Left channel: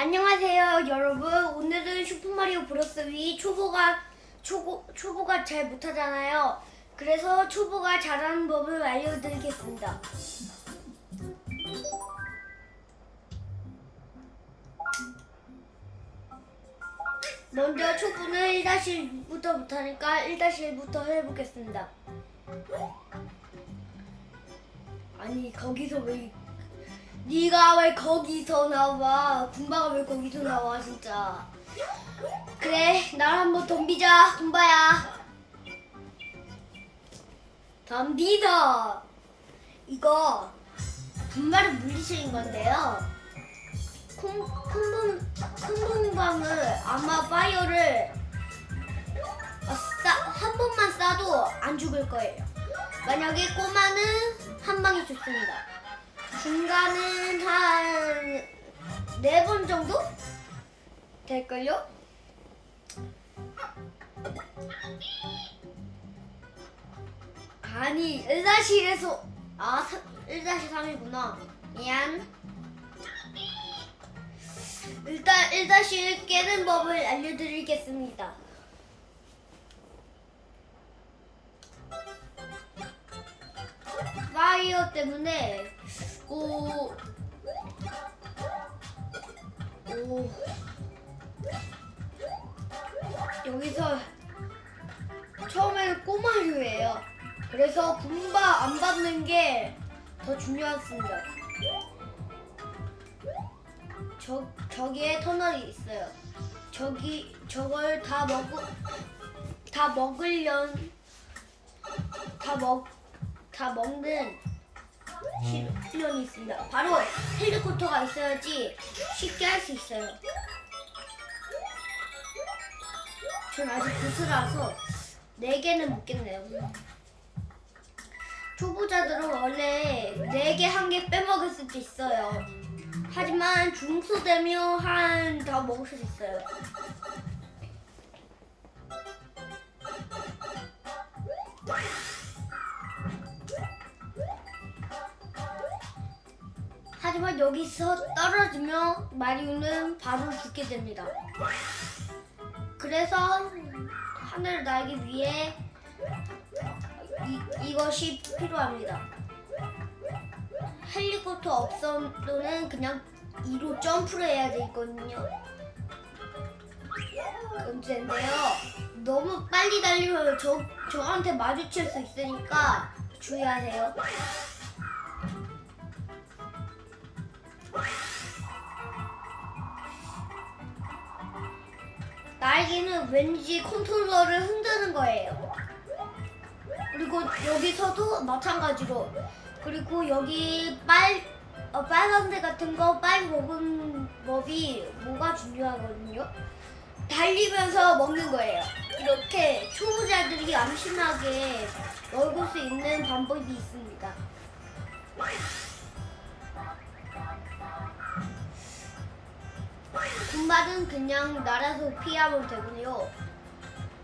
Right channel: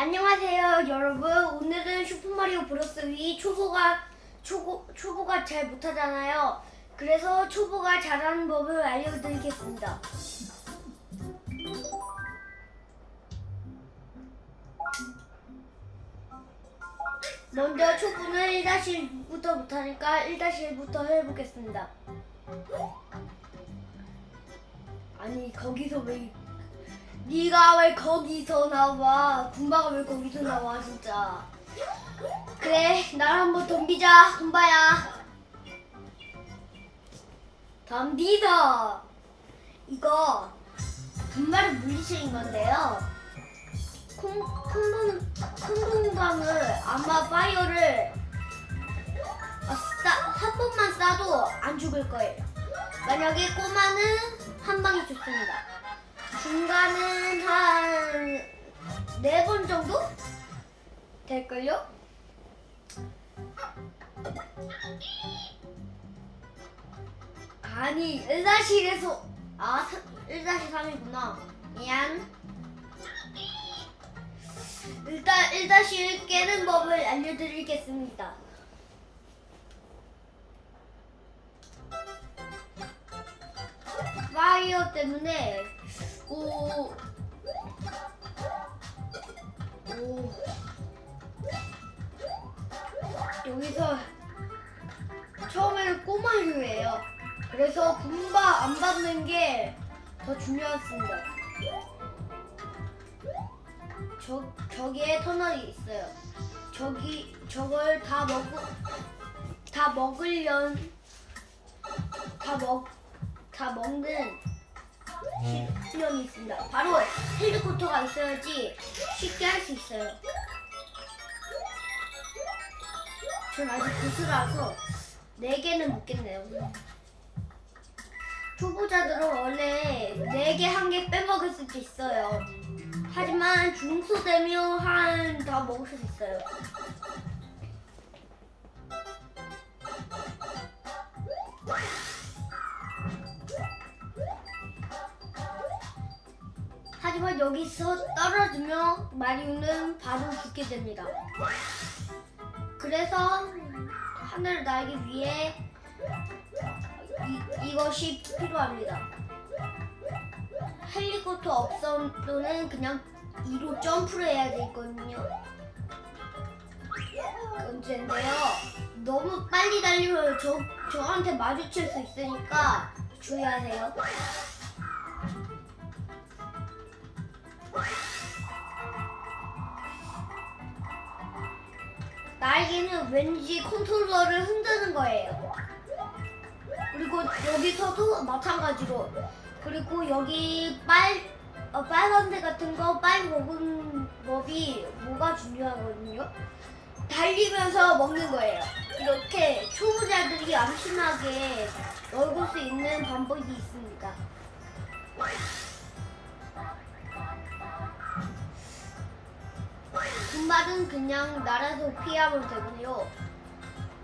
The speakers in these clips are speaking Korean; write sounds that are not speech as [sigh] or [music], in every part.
안녕하세요 여러분. 오늘은 슈퍼마리오 브로스 위 초보가 초보, 초보가 잘 못하잖아요. 그래서 초보가 잘하는 법을 알려드리겠습니다. 먼저 초보는 1-1부터 못하니까 1-1부터 해보겠습니다. 아니 거기서 왜 네가 왜 거기서 나와? 군바가 왜 거기서 나와 진짜? 그래, 날 한번 덤비자, 군바야. 덤비자. 이거 군바를 물리치는 건데요. 콩, 콩공, 콩공강을 아마 파이어를 한 번만 쏴도 안 죽을 거예요. 만약에 꼬마는 한 방에 죽습니다. 중간은 한 네 번 정도? 될걸요? 아니 1-1에서 아 1-3이구나. 미안. 일단 1-1 깨는 법을 알려드리겠습니다. 파이어 때문에 오, 오, 여기서 처음에는 꼬마류예요. 그래서 분바 안 받는 게 더 중요했습니다. 저 저기에 터널이 있어요. 저기 저걸 다 먹고 다 먹으련 다먹다 먹는 실력이 있습니다. 바로 헬리콥터가 있어야지 쉽게 할 수 있어요. 전 아직 고수라서 4개는 못 깼네요. 초보자들은 원래 4개, 1개 빼먹을 수도 있어요. 하지만 중수 되면 한 다 먹을 수 있어요. 여기서 떨어지면 마리오는 바로 죽게 됩니다. 그래서 하늘을 날기 위해 이, 이것이 필요합니다. 헬리콥터 없어도는 그냥 2로 점프를 해야 되거든요. 문제인데요. 너무 빨리 달리면 저, 저한테 마주칠 수 있으니까 주의하세요. 날개는 왠지 컨트롤러를 흔드는 거예요. 그리고 여기서도 마찬가지로 그리고 여기 빨 어, 빨간색 같은 거 빨리 먹은 법이 뭐가 중요하거든요. 달리면서 먹는 거예요. 이렇게 초보자들이 암심하게 먹을 수 있는 방법이 있습니다. 군말은 그냥 날아서 피하면 되고요.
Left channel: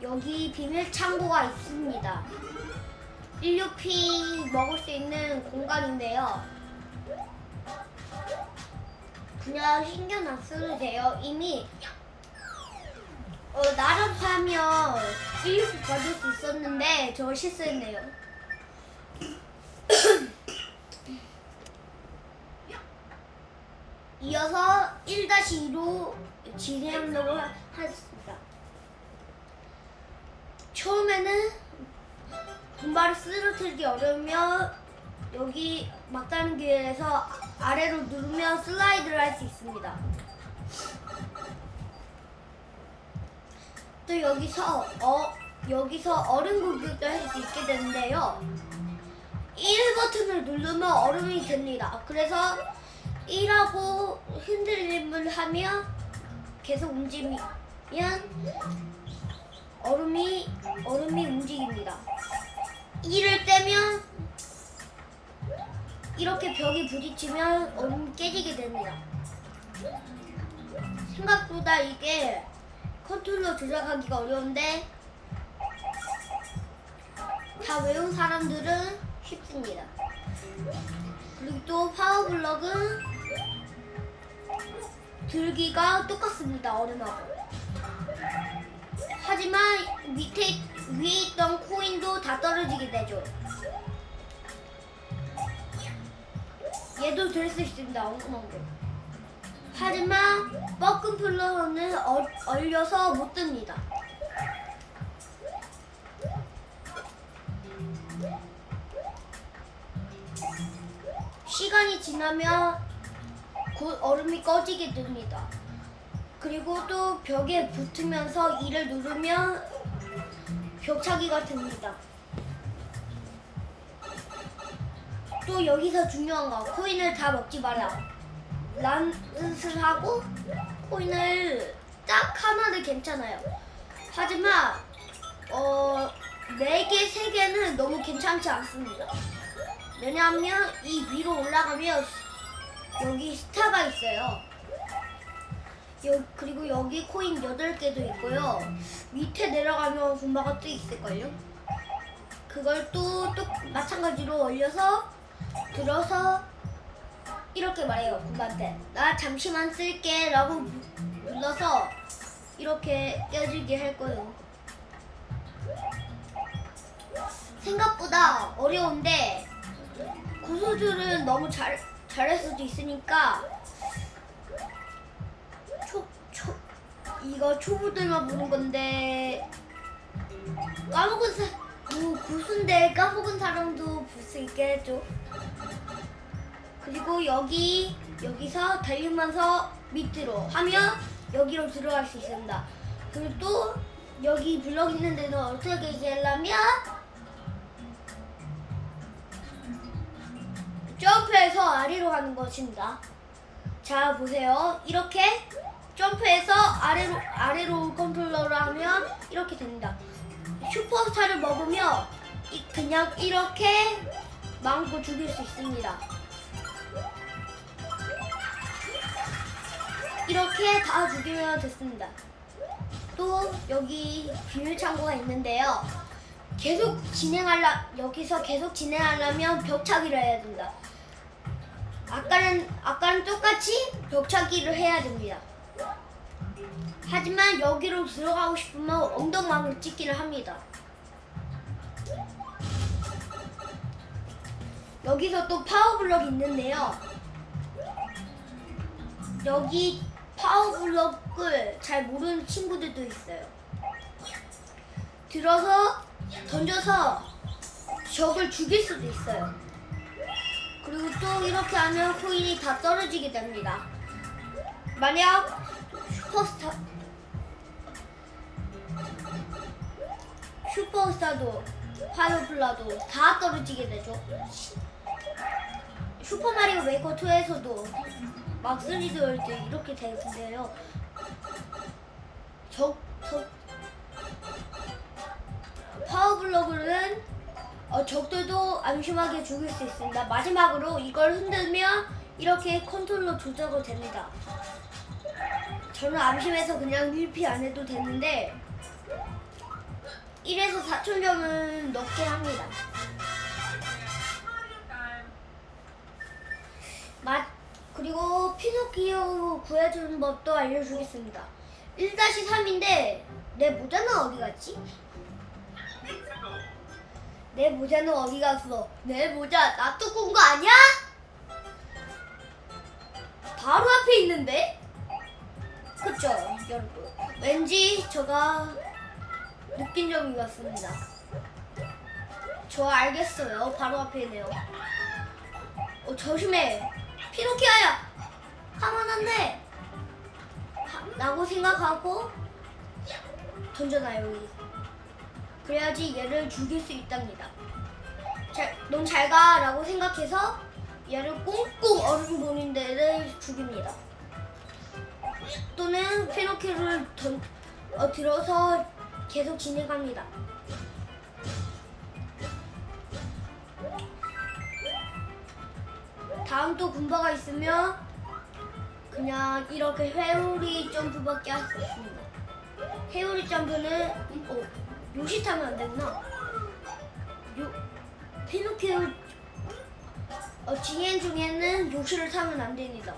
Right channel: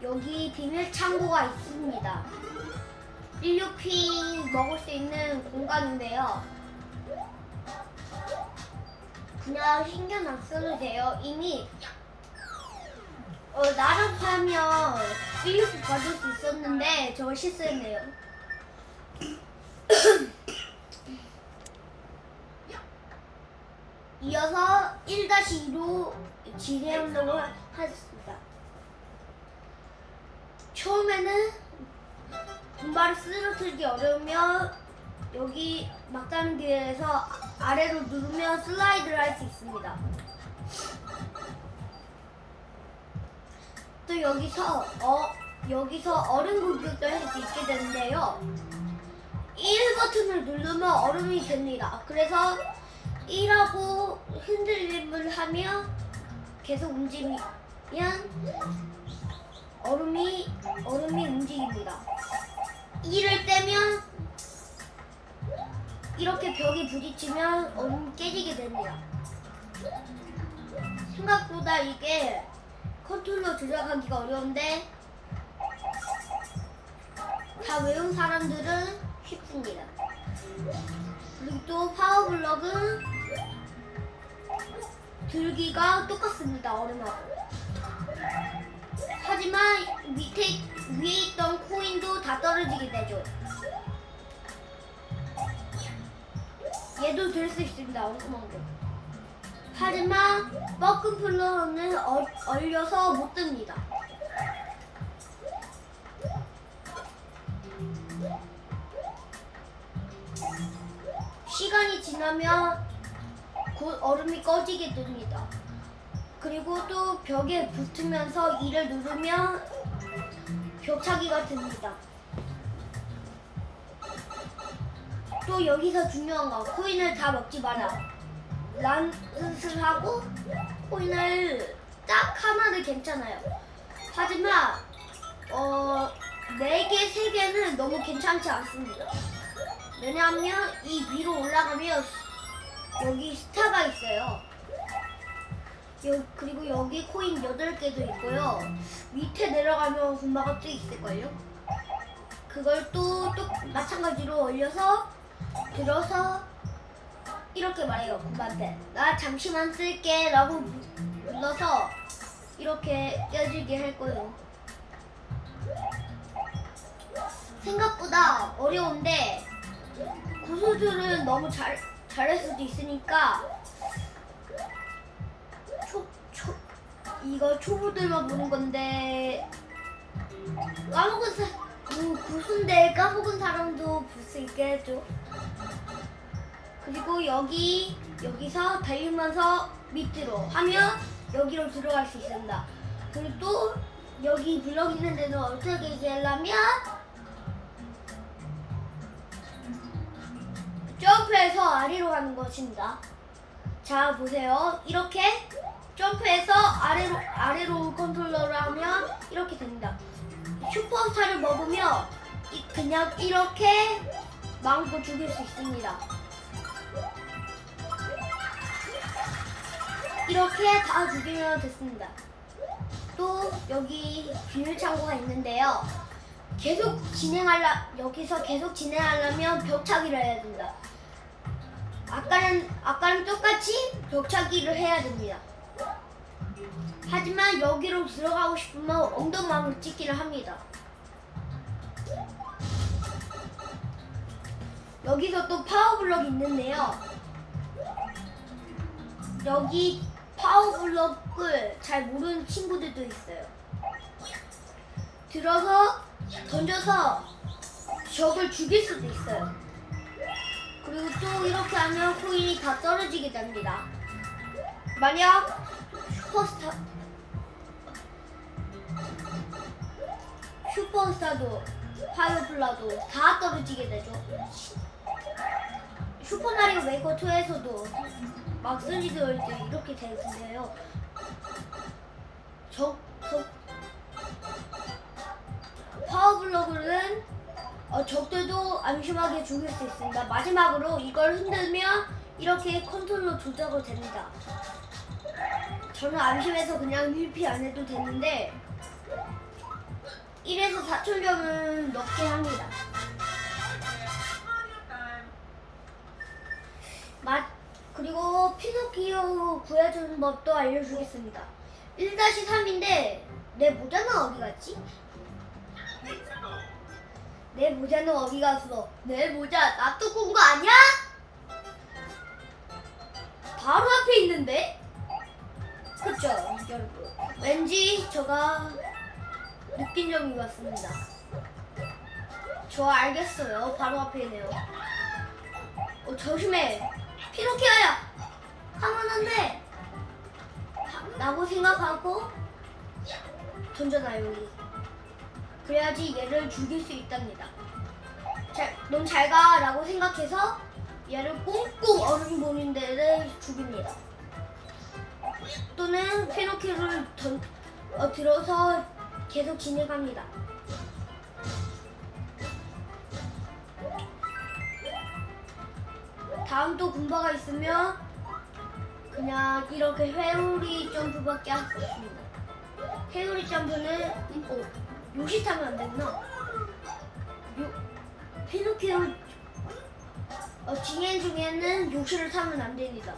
여기 비밀 창고가 있습니다. 16피 먹을 수 있는 공간인데요. 그냥 신경 안 써도 돼요. 이미 어, 날아서 하면 16피 받을 수 있었는데 저걸 실수했네요. [clears throat] 이어서 1-2로 진행하려고 하- 하겠습니다. 처음에는 분발을 쓰러뜨리기 어려우면 여기 막다른 길에서 아래로 누르면 슬라이드를 할 수 있습니다. 또 여기서 어 여기서 얼음 공격도 할 수 있게 되는데요. 1 버튼을 누르면 얼음이 됩니다. 그래서 1하고 흔들림을 하며 계속 움직이면 얼음이 얼음이 움직입니다. 1을 떼면 이렇게 벽이 부딪히면 얼음이 깨지게 됩니다. 생각보다 이게 컨트롤러 조작하기가 어려운데 다 외운 사람들은 쉽습니다. 그리고 또 파워블럭은 들기가 똑같습니다. 얼음하고. 하지만 밑에 위에 있던 코인도 다 떨어지게 되죠. 얘도 들수 있습니다. 얼음하고. 하지만 뻐끔 플러는 얼, 얼려서 못 듭니다. 시간이 지나면 곧 얼음이 꺼지게 됩니다. 그리고 또 벽에 붙으면서 이를 누르면 벽차기가 됩니다. 또 여기서 중요한 거 코인을 다 먹지 마라. 란을 하고 코인을 딱 하나는 괜찮아요. 하지만 어, 4개, 3개는 너무 괜찮지 않습니다. 왜냐하면 이 위로 올라가면 여기 스타가 있어요. 여, 그리고 여기 코인 8개도 있고요. 밑에 내려가면 군마가 또 있을걸요? 그걸 또, 또 마찬가지로 올려서 들어서 이렇게 말해요 군마한테 나 잠시만 쓸게 라고 눌러서 이렇게 껴지게 할 거예요 생각보다 어려운데 고소들은 너무 잘, 잘할 수도 있으니까 초, 초, 이거 초보들만 보는 건데 까먹은 사, 뭐 고수인데 까먹은 사람도 볼 수 있게 해줘 그리고 여기 여기서 달리면서 밑으로 하면 여기로 들어갈 수 있습니다. 그리고 또 여기 블럭 있는 데는 어떻게 하려면 점프해서 아래로 가는 것입니다. 자 보세요. 이렇게 점프해서 아래로 아래로 컨트롤러를 하면 이렇게 됩니다. 슈퍼스타를 먹으면 이- 그냥 이렇게 마음껏 죽일 수 있습니다. 이렇게 다 죽이면 됐습니다. 또 여기 비밀 창고가 있는데요. 계속 진행하려 여기서 계속 진행하려면 벽차기를 해야 된다. 아까는 아까는 똑같이 벽차기를 해야 됩니다. 하지만 여기로 들어가고 싶으면 엉덩방울 찍기를 합니다. 여기서 또 파워블럭이 있는데요. 여기 파워블럭을 잘 모르는 친구들도 있어요. 들어서 던져서 적을 죽일 수도 있어요. 그리고 또 이렇게 하면 코인이 다 떨어지게 됩니다. 만약 슈퍼스타 슈퍼스타도 파이어플라도 다 떨어지게 되죠. 슈퍼마리오 메이커 2에서도 막 3D 월드 이렇게 되는데요. 적, 적, 파워블럭은 어, 적들도 안심하게 죽일 수 있습니다. 마지막으로 이걸 흔들면 이렇게 컨트롤러 조작을 됩니다. 저는 안심해서 그냥 1피 안 해도 되는데 1에서 4천 점은 넘게 합니다. 맛 그리고 피노키오 구해주는 법도 알려주겠습니다. 1-3인데 내 모자는 어디 갔지? 내 모자는 어디 갔어? 내 모자 나 두고 온 거 아니야? 바로 앞에 있는데? 그쵸? 여러분 왠지 제가 느낀 점이 같습니다. 저 알겠어요. 바로 앞에 있네요. 어, 조심해. 피노키오야! 하면 안돼! 라고 생각하고 던져놔요 여기 그래야지 얘를 죽일 수 있답니다. 잘, 넌 잘가 라고 생각해서 얘를 꽁꽁 얼음 보는 데를 죽입니다. 또는 피노키오를 던, 어, 들어서 계속 진행합니다. 다음 또 군바가 있으면 그냥 이렇게 회오리 점프밖에 할 수 없습니다. 회오리 점프는 어, 요시 타면 안 되구나. 요 피노키오 어, 진행 중에는 요시를 타면 안 됩니다.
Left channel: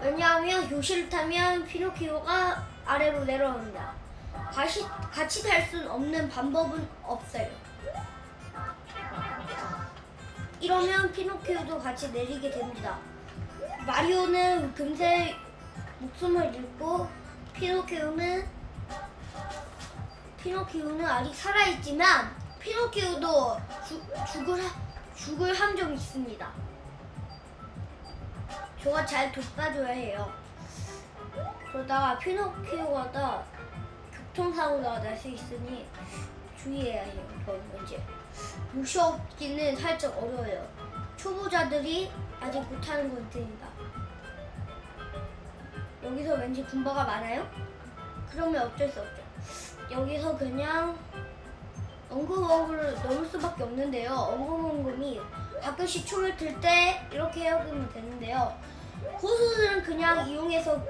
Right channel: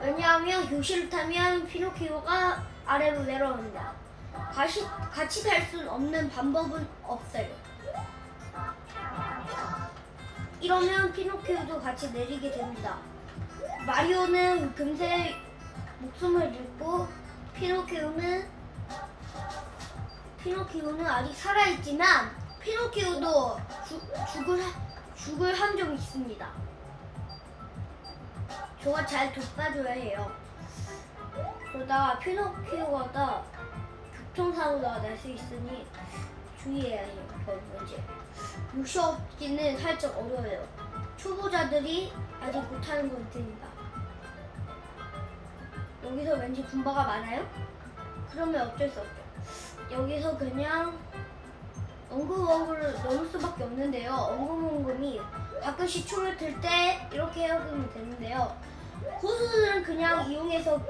왜냐하면 교실을 타면 피노키오가 아래로 내려옵니다. 같이, 같이 탈수 없는 방법은 없어요. 이러면 피노키오도 같이 내리게 됩니다. 마리오는 금세 목숨을 잃고 피노키오는 피노키오는 아직 살아있지만 피노키오도 죽, 죽을 죽을 한점 있습니다. 저가 잘 돕아줘야 해요. 그러다가 피노키오가 교통사고가 날 수 있으니 주의해야 해요. 이제 무시없기는 살짝 어려워요. 초보자들이 아직 못하는 건 테니까. 여기서 왠지 군바가 많아요? 그러면 어쩔 수 없죠. 여기서 그냥 엉금엉금을 넘을 수밖에 없는데요. 엉금엉금이 가끔씩 춤을 틀때 이렇게 해오면 되는데요. 고수들은 그냥 이용해서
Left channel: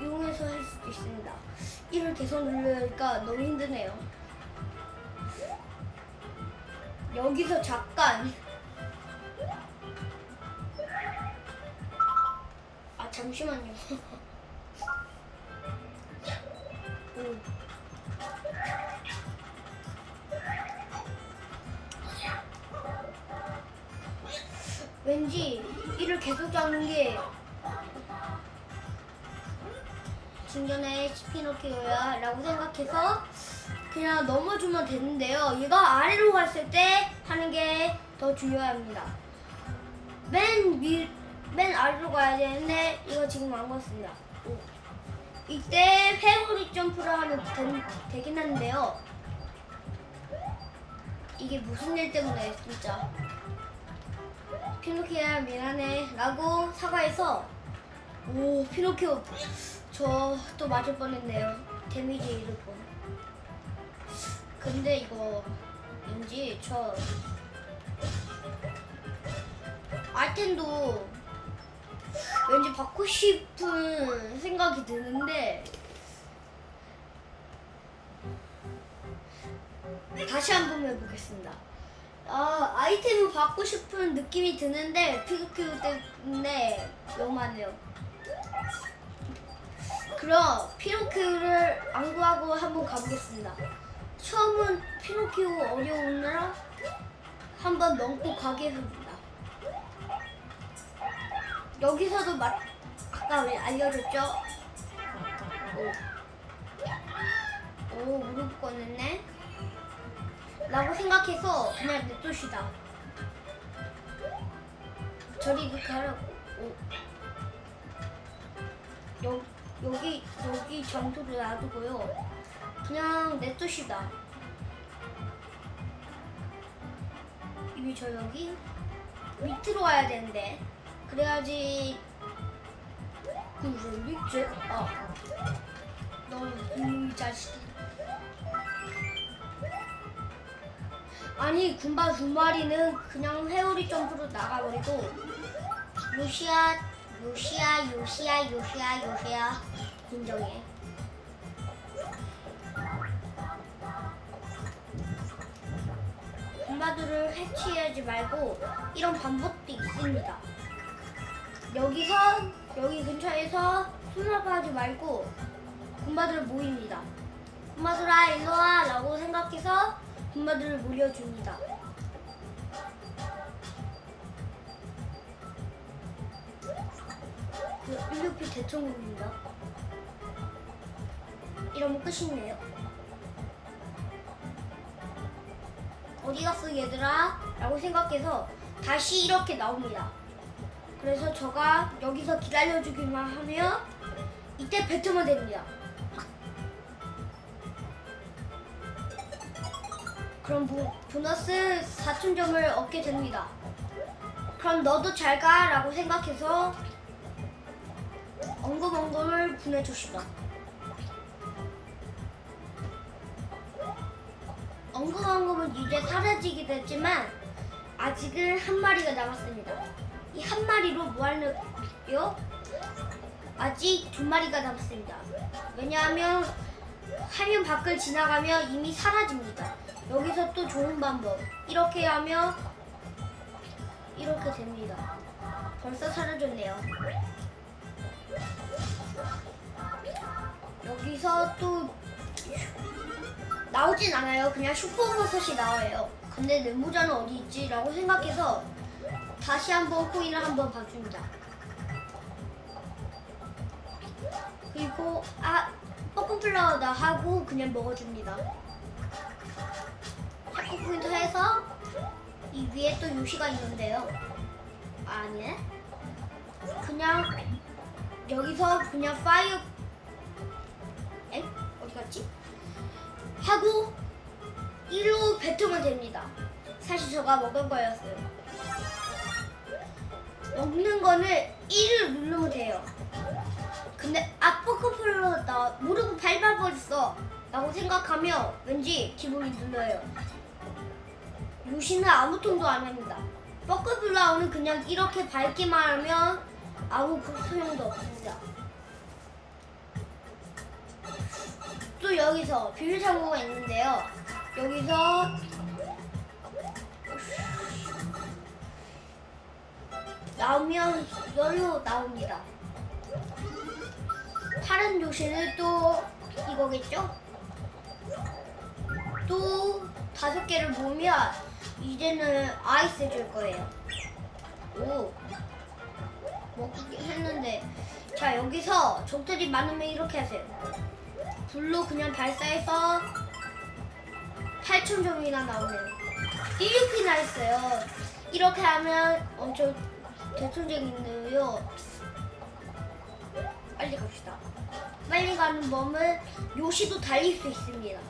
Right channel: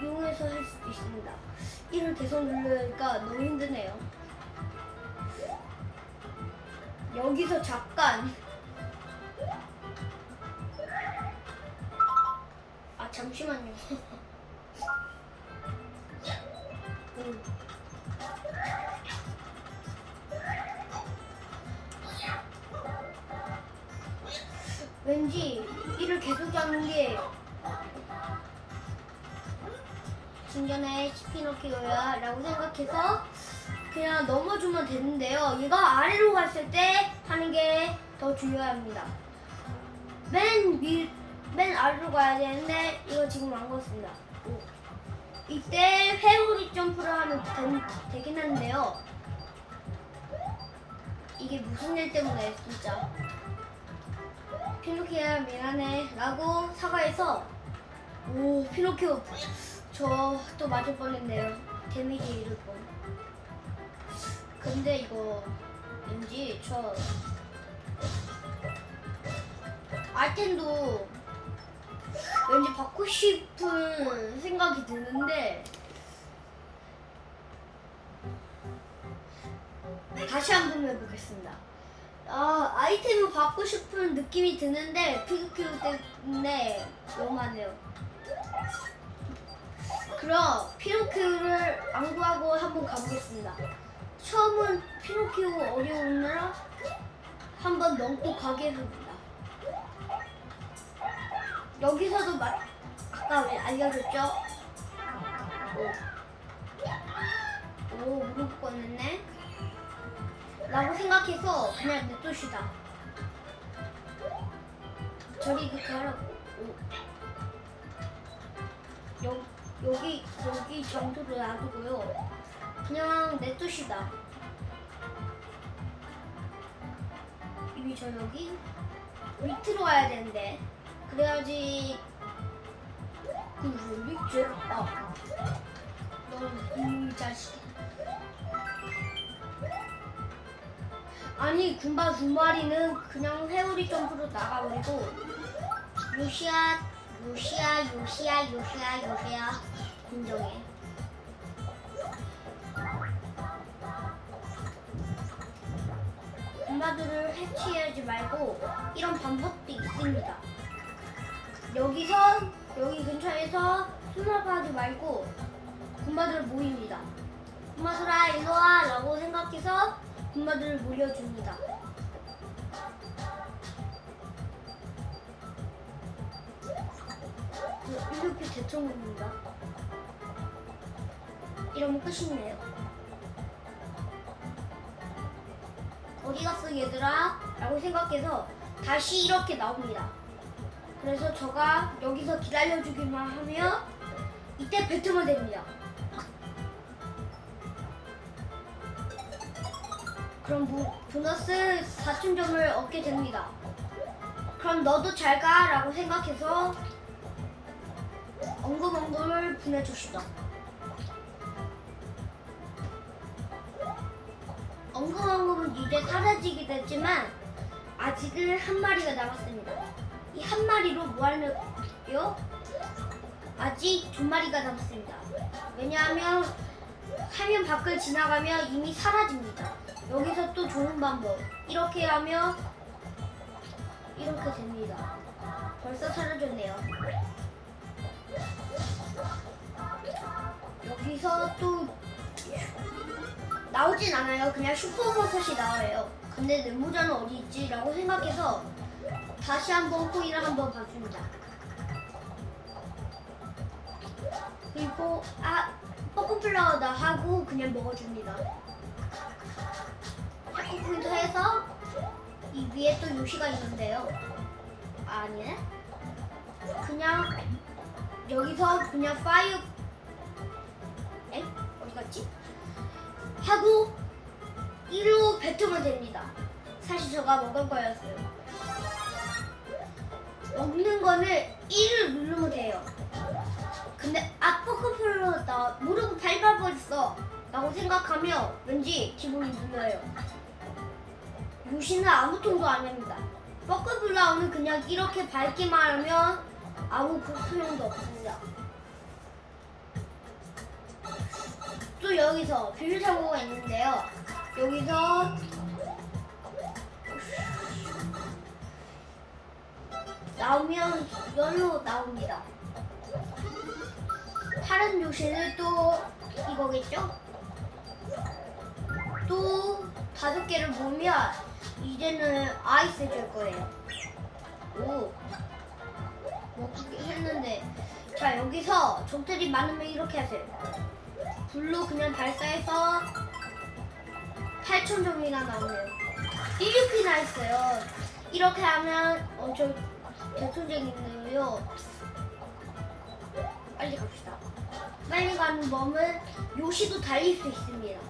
이용해서 할 수도 있습니다. 이를 계속 누르니까 너무 힘드네요. 여기서 잠깐 아 잠시만요. [laughs] 음. 왠지 이를 계속 잡는 게 진견의 피노키오야 라고 생각해서 그냥 넘어주면 되는데요. 이거 아래로 갔을 때 하는 게 더 중요합니다. 맨 위, 맨 아래로 가야 되는데 이거 지금 안 갔습니다. 오. 이때 회오리 점프를 하면 된- 되긴 하는데요. 이게 무슨 일 때문에 진짜 피노키오야 미안해. 라고 사과해서 오 피노키오. 저 또 맞을 뻔했네요. 데미지 잃을 뻔. 근데 이거 왠지 저 아이템도 왠지 받고 싶은 생각이 드는데 다시 한 번 해보겠습니다. 어, 아이템을 받고 싶은 느낌이 드는데 피규 때문에 너무하네요. 그럼 피노키오를 안 구하고 한번 가보겠습니다. 처음은 피노키오 어려우느라 한번 넘고 가겠습니다. 여기서도 막 아까 왜 알려줬죠? 오, 오 무릎 꺼냈네. 라고 생각해서 그냥 냅둡시다. 저리 그렇게 하라고. 오. 여, 여기 여기 장소를 놔두고요. 그냥 냅둡시다. 이미 저 여기 밑으로 가야 되는데 그래야지 그왜 있지? 아, 너이 자식. 아니 군바 두 마리는 그냥 회오리 점프로 나가버리고 요시야 요시야 요시야 요시야 요시야 진정해. 군바들을 해치하지 말고 이런 방법도 있습니다. 여기서 여기 근처에서 수납하지 말고 군바들을 모입니다. 군바들아 일로와 라고 생각해서 군바들을 모여줍니다 이렇게 대청입니다. 이러면 끝이네요. 어디 갔어 얘들아? 라고 생각해서 다시 이렇게 나옵니다. 그래서 저가 여기서 기다려주기만 하면 이때 뱉으면 됩니다. 그럼 보, 보너스 4,000점을 얻게 됩니다. 그럼 너도 잘 가! 라고 생각해서 엉금엉금을 보내줍시다. 엉금엉금은 이제 사라지게 됐지만 아직은 한 마리가 남았습니다. 이 한 마리로 뭐 하려고요? 아직 두 마리가 남았습니다. 왜냐하면 화면 밖을 지나가면 이미 사라집니다. 여기서 또 좋은 방법. 이렇게 하면 이렇게 됩니다. 벌써 사라졌네요. 여기서 또 나오진 않아요. 그냥 슈퍼버섯이 나와요. 근데 네모자는 어디 있지? 라고 생각해서 다시 한번 코인을 한번 봐줍니다. 그리고 아 포크플라워다 하고 그냥 먹어줍니다. 위에 또 요시가 있는데요. 아니네. 그냥 여기서 그냥 파이어 에? 어디 갔지? 하고 1로 뱉으면 됩니다. 사실 제가 먹은 거였어요. 먹는 거는 1을 누르면 돼요. 근데 아 포크플로다 모르고 밟아버렸어 라고 생각하면 왠지 기분이 눌려요. 요시는 아무 통도 안 합니다. 포크플라워는 그냥 이렇게 밟기만 하면 아무 그 소용도 없습니다. 또 여기서 비밀 창고가 있는데요. 여기서 나오면 이걸로 나옵니다. 파란 요시는 또 이거겠죠? 또 다섯 개를 모으면 이제는 아이스 줄 거예요. 오. 먹긴 했는데. 자 여기서 적들이 많으면 이렇게 하세요. 불로 그냥 발사해서 8,000점이나 나오네요. 이렇게나 했어요. 이렇게 하면 엄청 대통령인데요. 빨리 갑시다. 빨리 가는 법은 요시도 달릴 수 있습니다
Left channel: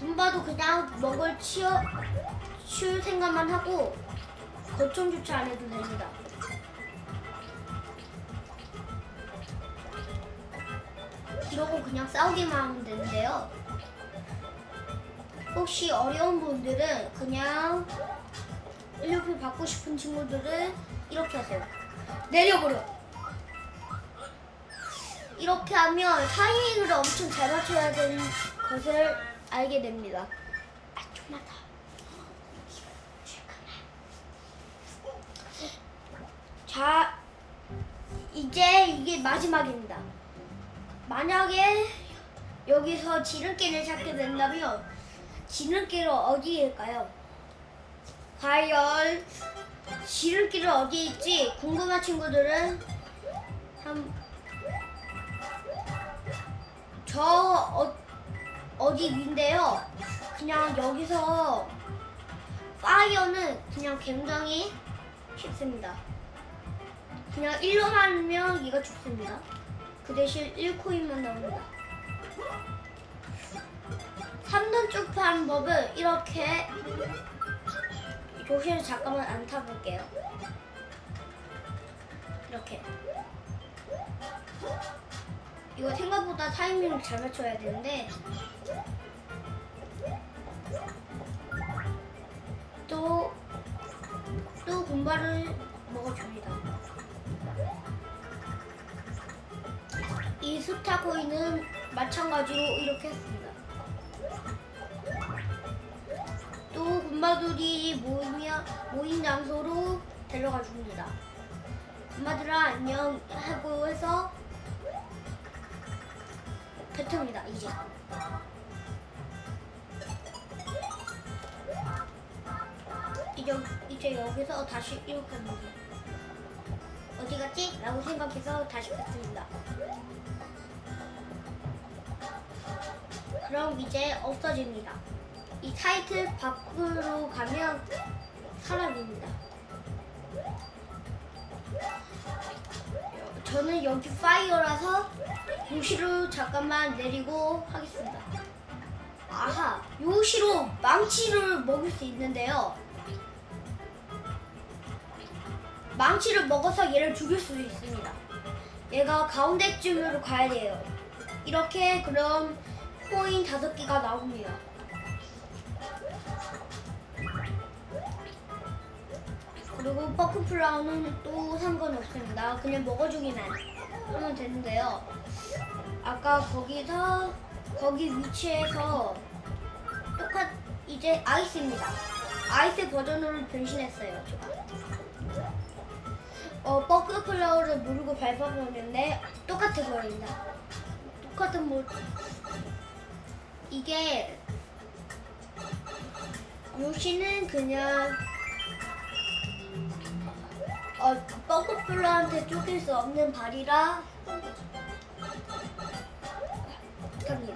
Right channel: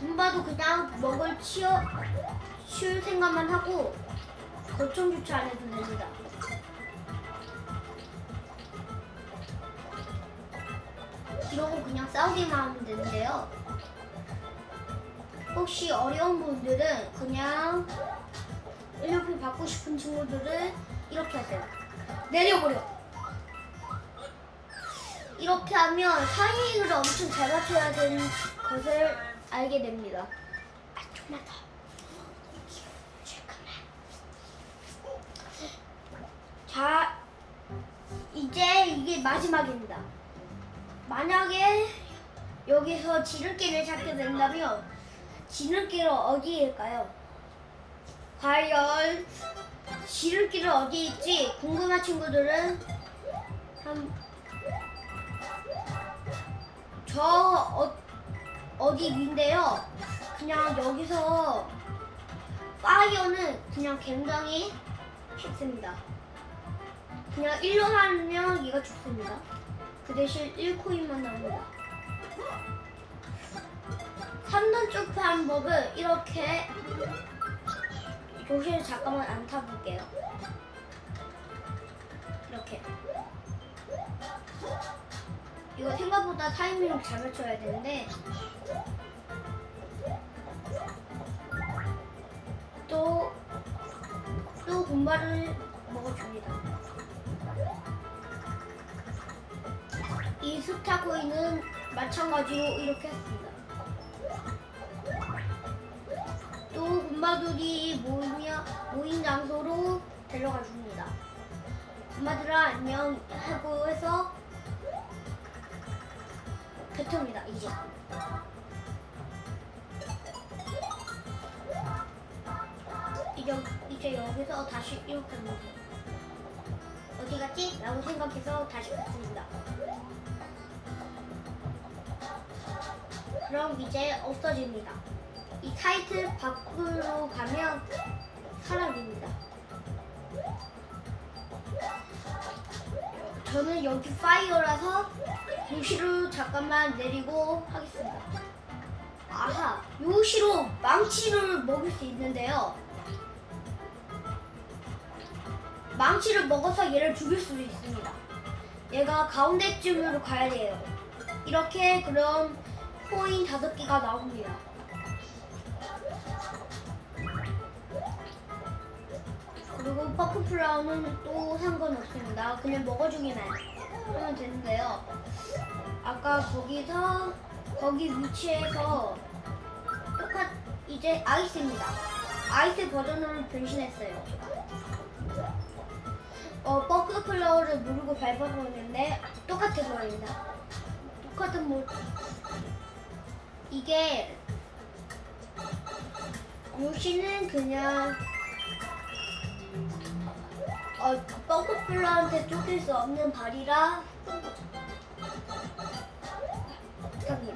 군바도 그냥 먹을 치어 치울 생각만 하고 거점 주차 안 해도 됩니다. 이러고 그냥 싸우기만 하면 되는데요. 혹시 어려운 분들은 그냥 1료표 받고 싶은 친구들은 이렇게 하세요. 내려버려. 이렇게 하면 타이밍을 엄청 잘 맞춰야 되는 것을 알게 됩니다. 아, 좀만 더. 자, 이제 이게 마지막입니다. 만약에 여기서 지름길을 찾게 된다면 지름길은 어디일까요? 과연 지름길은 어디 있지? 궁금한 친구들은 한- 저 어, 어디 위인데요. 그냥 여기서 파이어는 그냥 굉장히 쉽습니다. 그냥 1로 하면 얘가 죽습니다. 그 대신 1코인만 나옵니다. 3단 점프하는 법은 이렇게 조심해서 잠깐만 안 타볼게요. 이렇게. 이거 생각보다 타이밍을 잘 맞춰야 되는데 또, 또 군발을 먹어줍니다. 이 스타코인은 마찬가지로 이렇게 했습니다. 또 군마들이 모이며, 뱉습니다 이제. 이제, 이제 여기서 다시 이렇게 합니다. 어디 갔지? 라고 생각해서 다시 뱉습니다. 그럼 이제 없어집니다. 이 타이틀 밖으로 가면 사라집니다. 저는 여기 파이어라서 요시로 잠깐만 내리고 하겠습니다. 아하, 요시로 망치를 먹을 수 있는데요. 망치를 먹어서 얘를 죽일 수도 있습니다. 얘가 가운데쯤으로 가야 돼요. 이렇게 그럼 코인 다섯 개가 나옵니다. 그리고 퍼프플라워는 또 상관없습니다. 그냥 먹어주기만 하면 되는데요. 아까 거기서 거기 위치에서 똑같 이제 아이스입니다. 아이스 버전으로 변신했어요. 어, 버크 클러를 누르고 밟아보는데 똑같아 보입니다. 똑같은 뭐 이게 요시는 그냥 어, 버크 클러한테 쫓길 수 없는 발이라 합니다.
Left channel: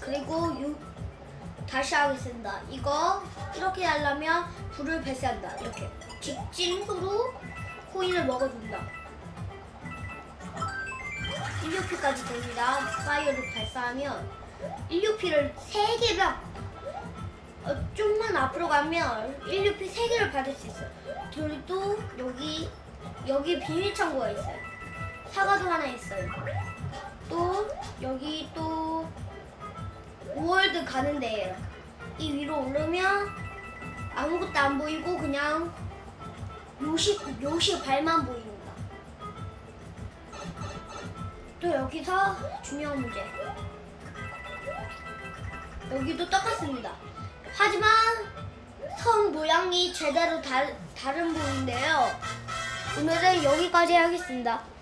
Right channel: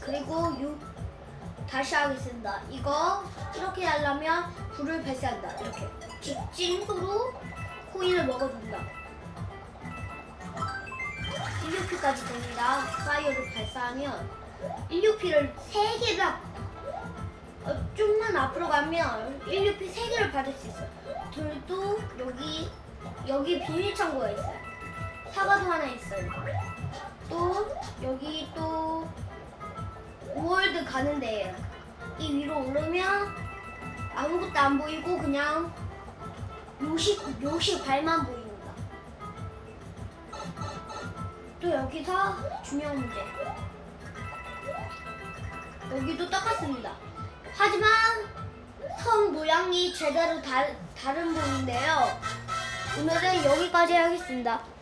그리고 유, 다시 하겠습니다. 이거 이렇게 하려면 불을 발사한다. 이렇게 직진으로 코인을 먹어준다. 1UP까지 됩니다. 파이어를 발사하면 1UP를 3개가 어, 좀만 앞으로 가면 1UP 3개를 받을 수 있어요. 둘도 여기 여기 비밀 창고가 있어요. 사과도 하나 있어요. 또 여기 또 월드 가는 데예요. 이 위로 오르면 아무것도 안 보이고 그냥 요시 요시 발만 보이는 거. 또 여기서 중요한 문제. 여기도 똑같습니다. 하지만 성 모양이 제대로 다, 다른 부분인데요. 오늘은 여기까지 하겠습니다.